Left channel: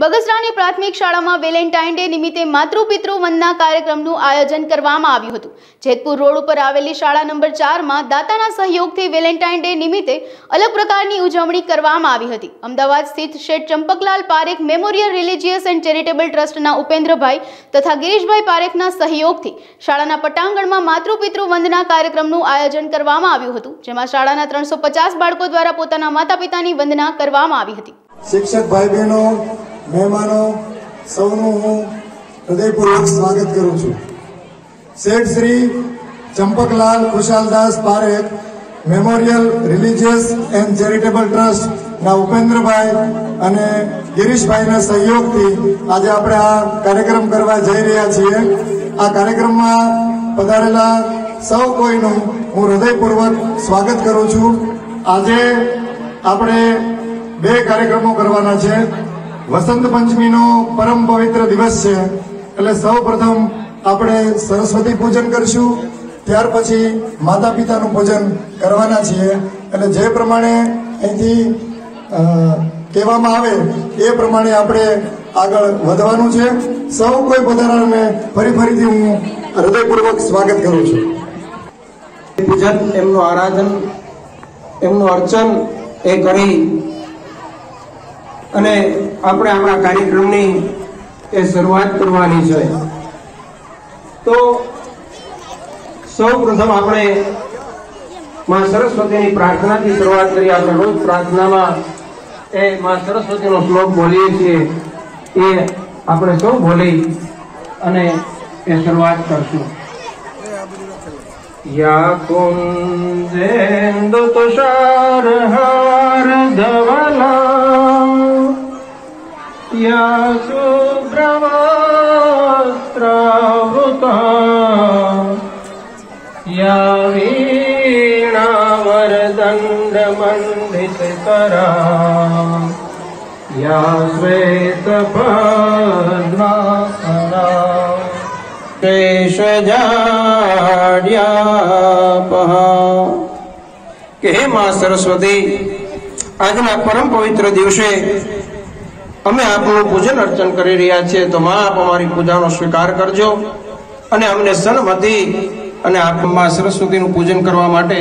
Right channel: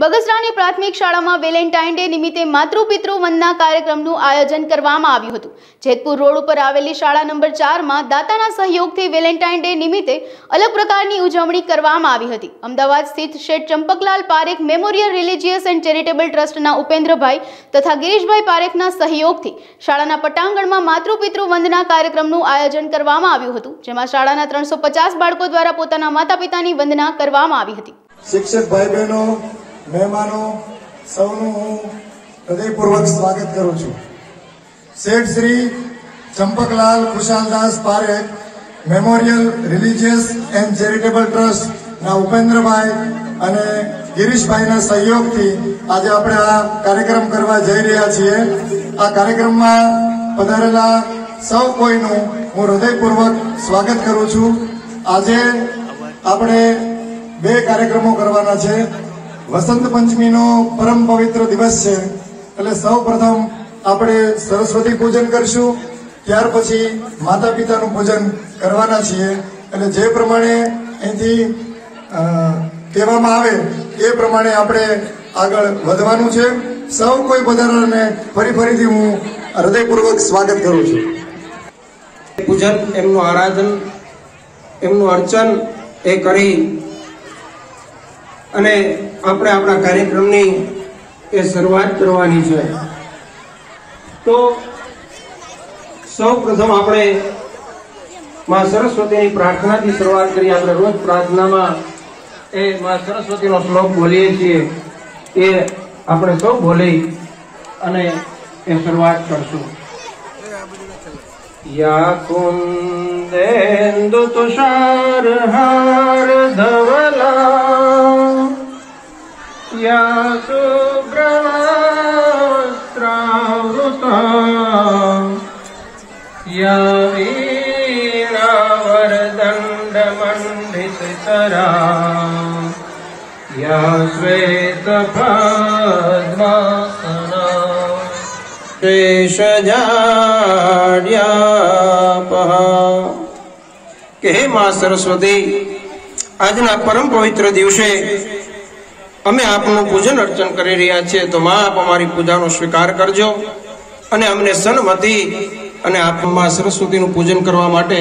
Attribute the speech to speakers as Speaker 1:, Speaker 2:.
Speaker 1: બગસરાની પ્રાથમિક શાળામાં Valentine day નિમિત્તે માતૃપિતૃ વંદના કાર્યક્રમનું આયોજન કરવામાં આવ્યું હતું. જેતપુર રોડ ઉપર આવેલી શાળા નંબર ચારમાં દાતાના સહયોગથી વેલેન્ટાઇન ડે નિમિત્તે અલગ પ્રકારની ઉજવણી કરવામાં આવી હતી. અમદાવાદ સ્થિત Sheth Champaklal Parekh memorial religious and charitable ટ્રસ્ટના ઉપેન્દ્રભાઈ તથા ગિરીશભાઈ પારેખના સહયોગથી શાળાના પટાંગણમાં માતૃપિતૃ વંદના કાર્યક્રમનું આયોજન કરવામાં આવ્યું હતું, જેમાં શાળાના ત્રણસો બાળકો દ્વારા પોતાના માતા પિતાની વંદના કરવામાં આવી હતી.
Speaker 2: શિક્ષક ભાઈ બહેનો મહેમાનો, સૌનું હું હૃદયપૂર્વક સ્વાગત કરું છું. Sheth Shri Champaklal Kushaldas Parekh memorial religious and charitable trust ના ઉપેન્દ્રભાઈ અને ગિરીશભાઈના સહયોગથી આજે આપણે આ કાર્યક્રમ કરવા જઈ રહ્યા છીએ. આ કાર્યક્રમમાં પધારેલા સૌ કોઈનું હું હૃદયપૂર્વક સ્વાગત કરું છું. આજે આપણે બે કાર્યક્રમો કરવાના છે. વસંત પંચમીનો પરમ પવિત્ર દિવસ છે એટલે સૌ પ્રથમ આપણે સરસ્વતી પૂજન કરશું. ત્યાર પછી માતા પિતાનું પૂજન કરવાના છીએ. એટલે જે પ્રમાણે અહીંથી કહેવામાં આવે, એ પ્રમાણે આપણે આગળ વધવાનું છે. સૌ કોઈ બધાને ફરી ફરીથી હું હૃદયપૂર્વક સ્વાગત કરું છું.
Speaker 3: પૂજન, એમનું આરાધન, એમનું અર્ચન એ કરી અને આપણે આપણા કાર્યક્રમની એ શરૂઆત કરવાની છે. તો સૌ પ્રથમ આપણે માં સરસ્વતીની પ્રાર્થનાથી શરૂઆત કરી આપણે રોજ પ્રાર્થનામાં એ માં સરસ્વતીનો શ્લોક બોલીએ છીએ. એ આપણે સૌ બોલી અને એ શરૂઆત કરશું. યા કુંદેન્દુ તુષાર હા या शुभ्रवस्त्रावृता या वीणावरदण्डमण्डितरा या श्वेतपद्मासना શેષજાડ્યાપહા કે હે માં સરસ્વતી આજના પરમ પવિત્ર દિવસે અમે આપનું પૂજન અર્ચન કરી રહ્યા છીએ. તો માં, આપ અમારી પૂજાનો સ્વીકાર કરજો અને અમને સન્મતિ અને આપમાં સરસ્વતીનું પૂજન કરવા માટે